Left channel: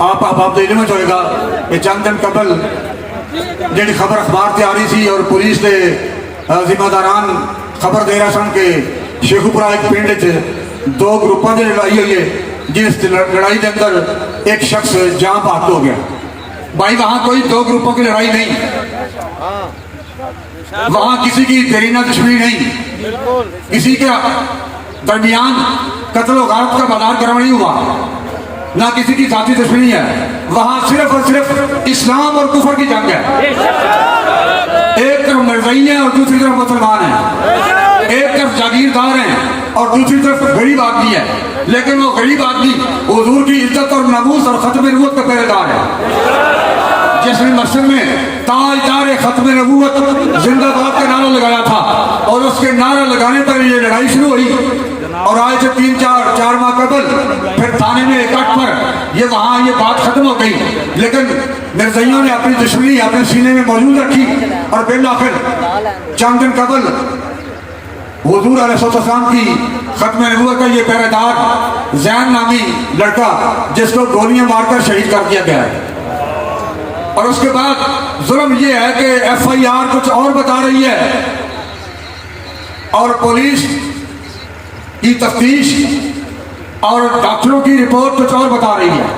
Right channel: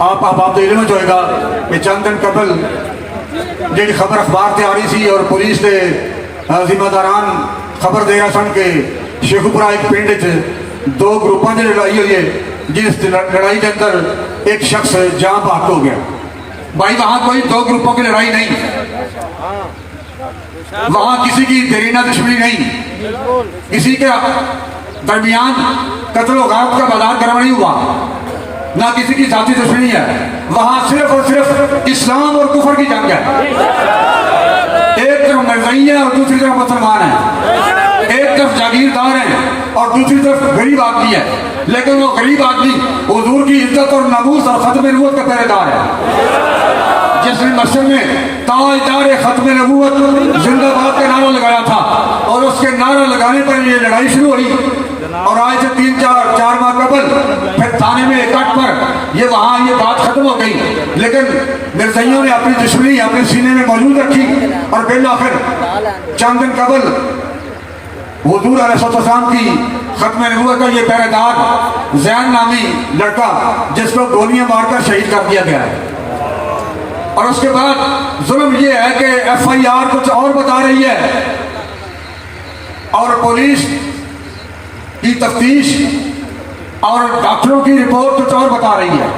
آپ علم ہوئے گا کہ چند دن قبل جی خبر اخبار سے آ رہی تھی اور پولیس کے ذمہ داران خبر دے رہا سن کہ شیخوپورہ ایک پنڈ دو گروپوں کی لڑائی ہوئی ہے، جس لڑائی کے اندر ایک شخص جاں بحق ہو گیا۔ بھائی وہاں کوئی دو گروپوں کی لڑائی نہیں، وہاں کسی کی دیرینہ دشمنی نہیں، کسی کے درمیان قتل و غارت کا بازار گرم نہیں ہوا، نہ کسی کی ذاتی دشمنی ہے۔ وہاں صرف اور صرف اسلام اور کفر کی جنگ ہے۔ ایک طرف مرزئی ہیں اور دوسری طرف مسلمان ہیں، ایک طرف جاگیردار ہیں اور دوسری طرف غریب آدمی ہے، لیکن وہ غریب آدمی حضور کی عزت اور ناموس اور ختم نبوت کا پہرے دار ہے، جس نے مسجد میں تاجدار ختم نبوت زندہ باد کا نعرہ لگایا تھا، اور اس کے نعرہ لگانے پر یہ لڑائی شروع ہوئی، اور آج سے 3-4 ماہ قبل پھر تھانے میں اکٹھ پر یہ وہاں یہ بات ختم ہو گئی، لیکن مرزائیوں نے اپنی دشمنی اپنے سینے میں موجود رکھی، اور بالآخر چند دن قبل حضور علیہ السلام کی ختم نبوت کا یہ پہرے دار زین نامی لڑکا جس کو گولیاں مار کر شہید کر دیا گیا ہے۔ اور اس کے بعد ظلم یہ ہے کہ ایف آئی آر کچھ اور بتا رہی ہے، اور پولیس کی تفتیش اور ڈاکٹروں کی رپورٹ کچھ اور بتا رہی ہے۔